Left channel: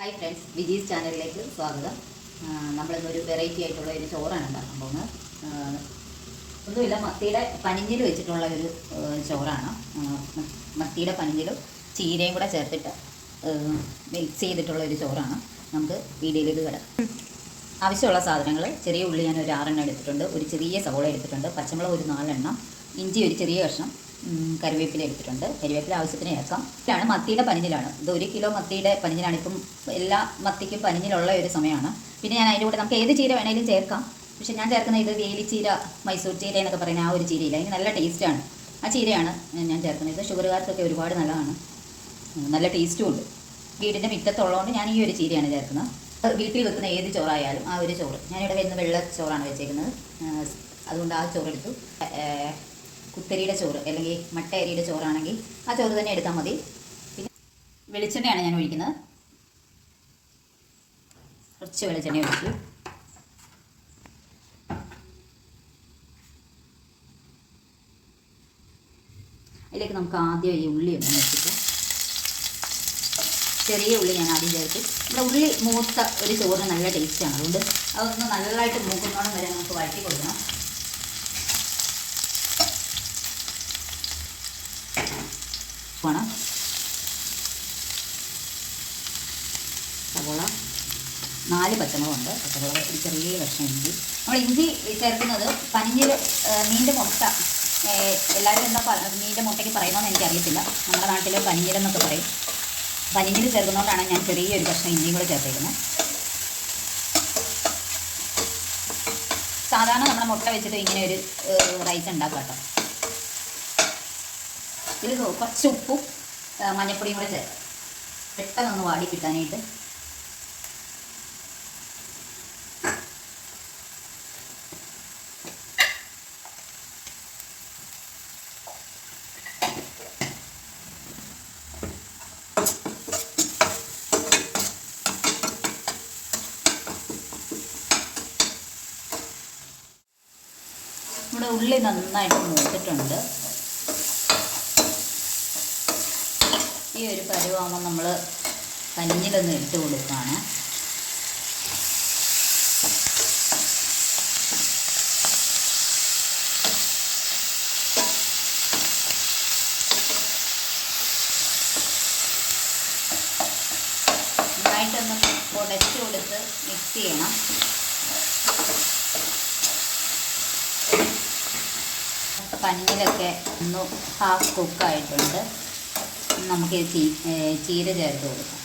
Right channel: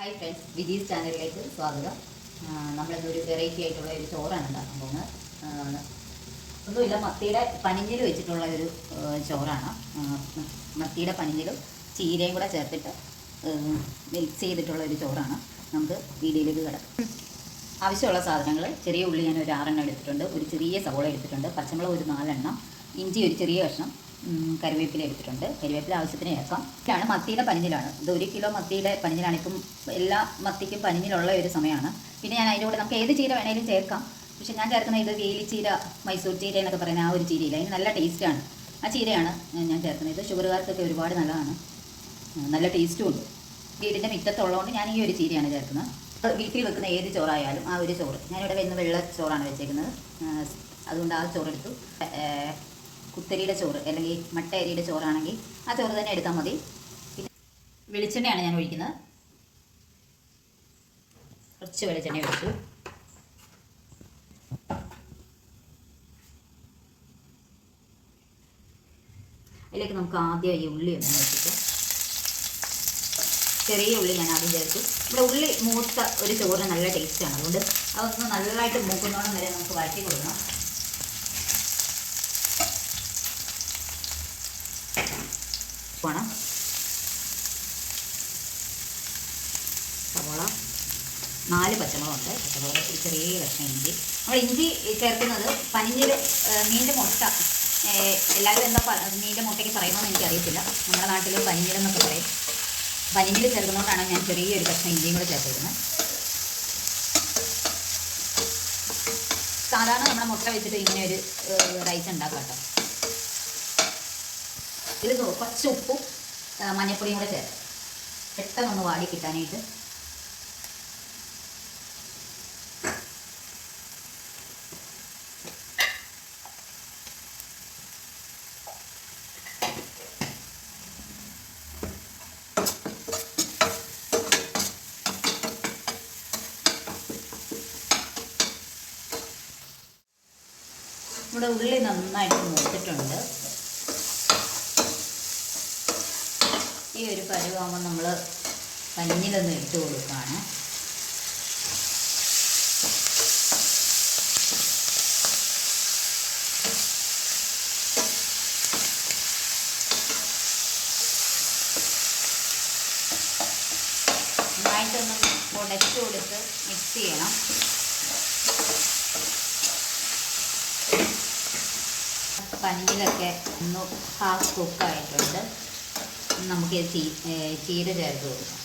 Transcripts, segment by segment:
Hi friends, വിജീസ് ചാനലിലേക്ക് സ്വാഗതം. നമ്മളിന്നൊരു variety ആയിട്ടുള്ള ഒരു ചോറാണ് ഉണ്ടാക്കാൻ പോകുന്നത്. ഒന്നുമില്ല, മത്തിയുടെ പനിഞ്ഞിൽ വെച്ചിട്ടുള്ള ഒരു ചോറാണ്. മത്തിയുടെ പനിഞ്ഞിലും ചീരയും കൂടെ ചേർത്തിട്ട് മിക്സ് ചെയ്തിട്ടുള്ള ഒരു ചോറാണ്. നമുക്ക് വീഡിയോയിലേക്ക് കിടക്കാം. ആവശ്യമുള്ള സാധനങ്ങൾ: ചെറിയ ഉള്ളി ഞാൻ ഒരു 6 എണ്ണം എടുത്തിട്ടുണ്ട്, ഒരു ചെറിയ സവോള എടുത്തിട്ടുണ്ട്, പച്ചമുളക് ഒരു 4 എണ്ണം, ഇഞ്ചി ഒരു ചെറിയ കഷ്ണം, കറിവേപ്പില എടുത്തിട്ടുണ്ട്. കറിവേപ്പില ആവശ്യത്തിന് ചേർക്കാം. ഇതാണ് മത്തിയുടെ പനിഞ്ഞിലാണ്. ഇത് 1 കിലോ മത്തിയുടെ പനിഞ്ഞിലാണ്. ഇപ്പം എല്ലാ മത്തിക്കും പനിഞ്ഞിലുള്ള ഒരു സമയമാണ്. പിന്നെ ഞാൻ അതിൻ്റെ കൂടെ നമുക്ക് ഏത് ചീര വേണേലും ചേർക്കാം. പക്ഷേ ഞാൻ ചേർക്കുന്ന ഇത് വേലിച്ചീര, മൈസൂർ ചീര എന്നൊക്കെ പറയുന്ന ആ ഒരു ചീരയില്ല, അതിന് നല്ല ടേസ്റ്റാണ്. ആ ചീരയാണ് ഞാൻ ചേർക്കുന്നത്. ഇത് ഷുഗറുകാർക്കൊക്കെ ഒരുപാട് നല്ലതാണ്, നല്ല ടേസ്റ്റും ഉണ്ട്. വീടിൻ്റെ മുറ്റത്തുള്ളതുകൊണ്ട് ഞാൻ ഈ ഒരു ചീരയാണ് ചേർക്കുന്നത്. വീട്ടിൽ വെക്കുന്ന ഏത് ചോറായാലും ആ ഒരു ചോറ്, ഞാനിവിടെ വരുന്ന വെള്ള ചോറാണ് വെച്ചേക്കുന്നത്, അതുകൊണ്ട് ആ ചോറെടുത്തു. കുത്തരിയുടെ ചോറ് അല്ലെങ്കിൽ മട്ട അരിയുടെ ചോറാണെങ്കിൽ ആ ചോറ് തന്നെ എടുത്താൽ മതി. പിന്നെ വെളിച്ചെണ്ണയാണ് ഞാൻ ഒഴിക്കുന്നത്. കുറച്ച് വെളിച്ചെണ്ണ ഒഴിച്ചു. അതിലേക്ക് നമുക്ക് ആദ്യം ഈ ഉള്ളി ഒന്ന് വെച്ചിട്ട്, ചെറിയ ഉള്ളി ഞാൻ ആദ്യം ചേർത്ത്. ഇവിടെ ഉള്ളി മൂത്ത ഒരു ചോറിന് നല്ല ടേസ്റ്റാണ്, അതുകൊണ്ട് അതൊന്ന് നല്ലതായിട്ട് മൂക്കുന്നോളം വരെ നമുക്ക് വഴറ്റി കൊടുക്കണം. വേണം സവോള, 4 പച്ചമുളകുണ്ട്, പച്ചമുളക് ഒരു ചെറിയ കഷ്ണം ഇഞ്ചി. നമ്മൾ ഇഞ്ചി ചേർക്കുന്നത് പനിഞ്ഞിൽ മീനിൻ്റെ മുട്ട, എല്ലാവരും എന്താ മീനിൻ്റെ മുട്ടയ്ക്ക് പറയുന്നതെന്ന് എനിക്കറിയത്തില്ല. നമ്മുടെ നാട്ടിൽ പനിഞ്ഞിലെന്നൊക്കെ പറയും. പനിഞ്ഞിൽ ചേർക്കുന്നതുകൊണ്ടാണ് ഞാൻ ചെറിയൊരു കഷ്ണം ഇഞ്ചിയും കൂടെ ചേർത്തേക്കുന്നത്. സാധാരണ നമ്മുടെ മുട്ട വെച്ചിട്ട് ഇങ്ങനെ ഒരു റൈസ് ഉണ്ടാക്കാം കേട്ടോ. ഇതിൽ കുറച്ച് ഉപ്പും മഞ്ഞൾപ്പൊടിയും കൂടെ ചേർക്കാം, പെട്ടെന്നൊന്ന് വാടി കിട്ടാനായിട്ട്. നമ്മുടെ ഉള്ളി നന്നായിട്ട് മൂത്തിട്ടുണ്ട്. ഈ ഒരു പരുവാകുമ്പോൾ നമ്മൾ കഞ്ഞിലൊന്ന് ഇട്ട് കൊടുക്കുകയാണ്. നന്നായിട്ടൊന്ന് ഉടച്ചു കൊടുത്ത് മിക്സ് ചെയ്യണം. പനിയിലൊക്കെ ഒന്ന് ഹാഫ് കുക്കായിട്ടുണ്ട്. നമുക്ക് ചീര ചേർത്ത് കൊടുക്കാം.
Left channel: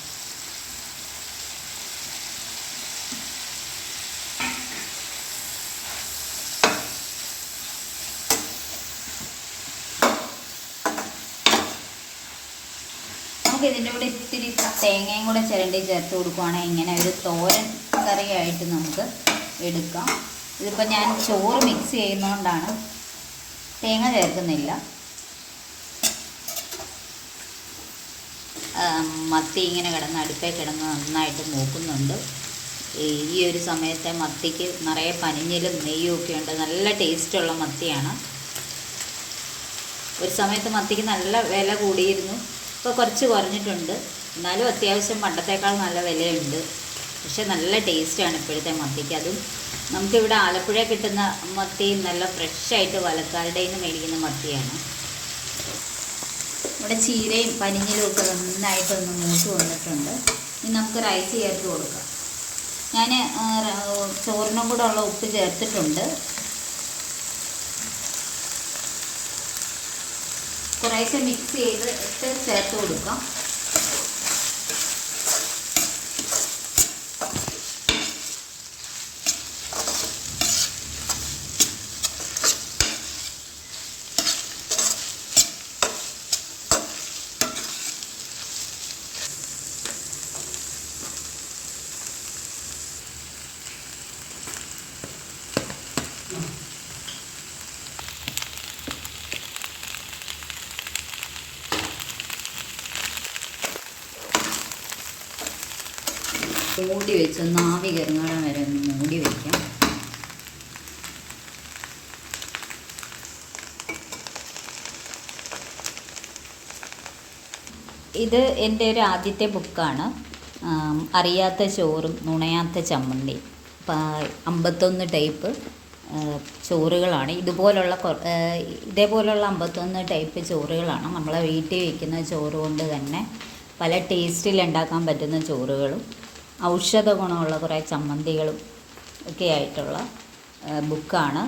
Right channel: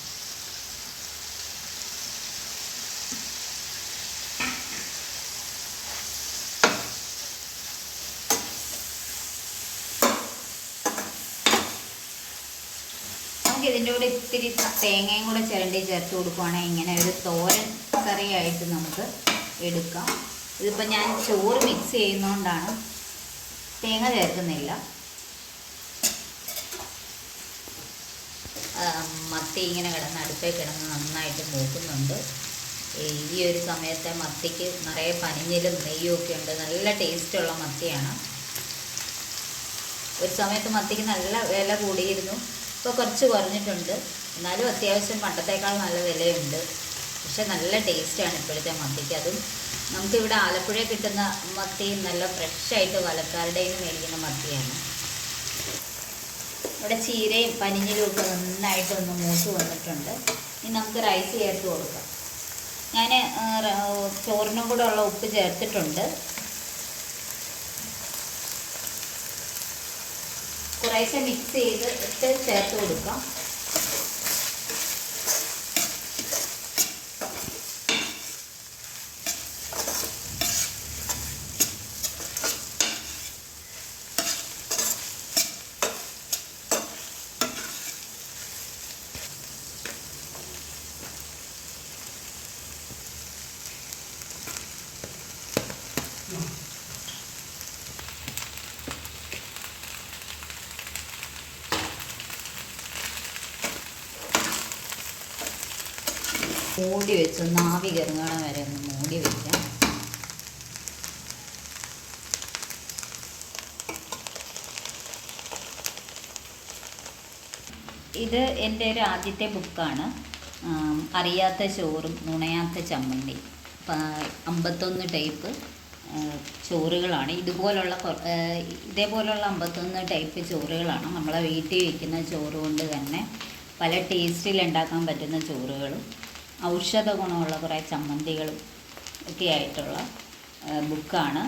നമുക്ക് ഇതിൻ്റെ കൂടെ ഇത്തിരി തേങ്ങയും കൂടെ ചിരണ്ടി ചേർത്ത് കൊടുക്കുവാണെങ്കിൽ ഇങ്ങനെ ഒരു തോരൻ കറിയായിട്ട് നമുക്ക് എടുക്കാം. ഇതിപ്പോൾ ഞാൻ ചോറ് മിക്സ് ചെയ്യുന്നതുകൊണ്ടാണ് തേങ്ങ ചേർക്കുന്നില്ല. മത്തി ഇങ്ങനെ കിടന്ന് അടുപ്പേ കിടന്ന് നന്നായിട്ട് മൂക്കുന്നുണ്ട്. ഈ ഒരു സമയത്തെ മത്തിക്ക് നിറയെ പനിഞ്ഞിലും നെയ്യും ഒക്കെ ഉണ്ട്, നല്ല ടേസ്റ്റുള്ള മത്തിയാണ്. ഒരു സമയത്ത് മത്തിക്ക് നല്ല വില കൂടിയിരുന്നു, ഇപ്പോൾ കുറച്ച് കുറഞ്ഞിട്ടുണ്ട്. എന്നാലും അത്യാവശ്യം പണ്ടത്തേക്കാൾ നല്ല വിലയുണ്ട്. പക്ഷെ നല്ല ടേസ്റ്റാണ് ഇപ്പോഴത്തെ മത്തിക്ക്. അതും നമുക്കിവിടെ ആലപ്പുഴ കിട്ടുന്ന മത്തി നല്ല ഫ്രഷായിട്ട് വലക്കാരുടെ നിന്ന് മേടിക്കുന്ന മത്തിയാണ്. ഇവിടെ ചീരയും പനിഞ്ഞിലും ഒക്കെ നന്നായിട്ടൊന്ന് മൂത്ത് വന്നിട്ടുണ്ട്. ഇനി നമുക്ക് റൈസ് ചേർത്ത് കൊടുക്കാം. ഞാൻ ചോറിനും കൂടെ ഉള്ള ഉപ്പ് ചേർത്തിട്ടുണ്ട്. കുറേശ്ശെ മിക്സ് ചെയ്ത് ചേർത്ത് കൊടുക്കാം. മൂടി വെച്ചൊന്ന് ആവി കയറുന്നിടം വരെ ഒന്ന് മൂടി വയ്ക്കാം. ഇത് എൻ്റെ ഒരു ആദ്യത്തെ ബുക്കാണ്. അറിയാത്ത ചോറും നുണയാത്ത ചമ്മന്തി 51 ടൈപ്പ് ചോറുകളാണ്. ഇതേപോലുള്ള 51 ടൈപ്പ് ചോറുകളാണ് നമ്മളെ വീട്ടിൽ വയ്ക്കുന്ന ചോറ് കൊണ്ട് തന്നെ പല ടേസ്റ്റിൽ ഉണ്ടാക്കാൻ പറ്റുന്ന ചോറുകളും ഔഷധ ഗുണമുള്ള കുറേ ചമ്മന്തികളും ഒക്കെ ആയിട്ടുള്ള ബുക്കാണ്.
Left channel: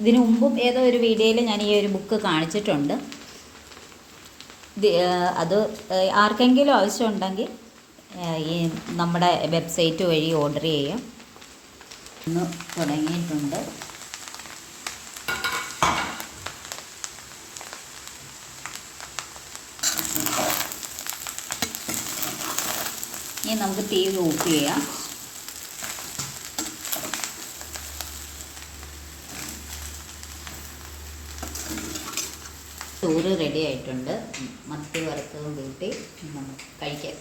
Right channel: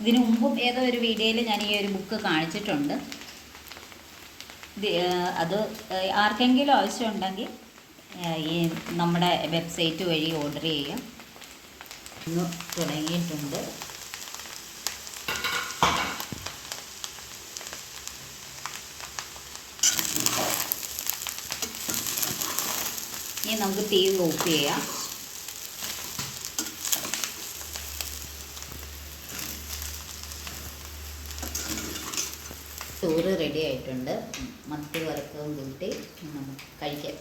ഇതിനു മുമ്പും ഏതോ ഒരു വീഡിയോയിൽ ഞാൻ ഈ ഒരു ബുക്ക് കാണിച്ചിട്ടുണ്ട്. അത് ആർക്കെങ്കിലും ആവശ്യമുണ്ടെങ്കിൽ ഈ നമ്മുടെ വെബ്സൈറ്റ് വഴി ഓർഡർ ചെയ്യാം. ഇന്ന് തുടങ്ങിയിട്ടുണ്ട്. ഇനി നമുക്ക് തീ ഓഫ് ചെയ്യാം. ചോറ് റെഡി ആയിട്ടുണ്ട്. മത്തി വറുത്തതും കൂട്ടി നമുക്ക് കഴിക്കാം.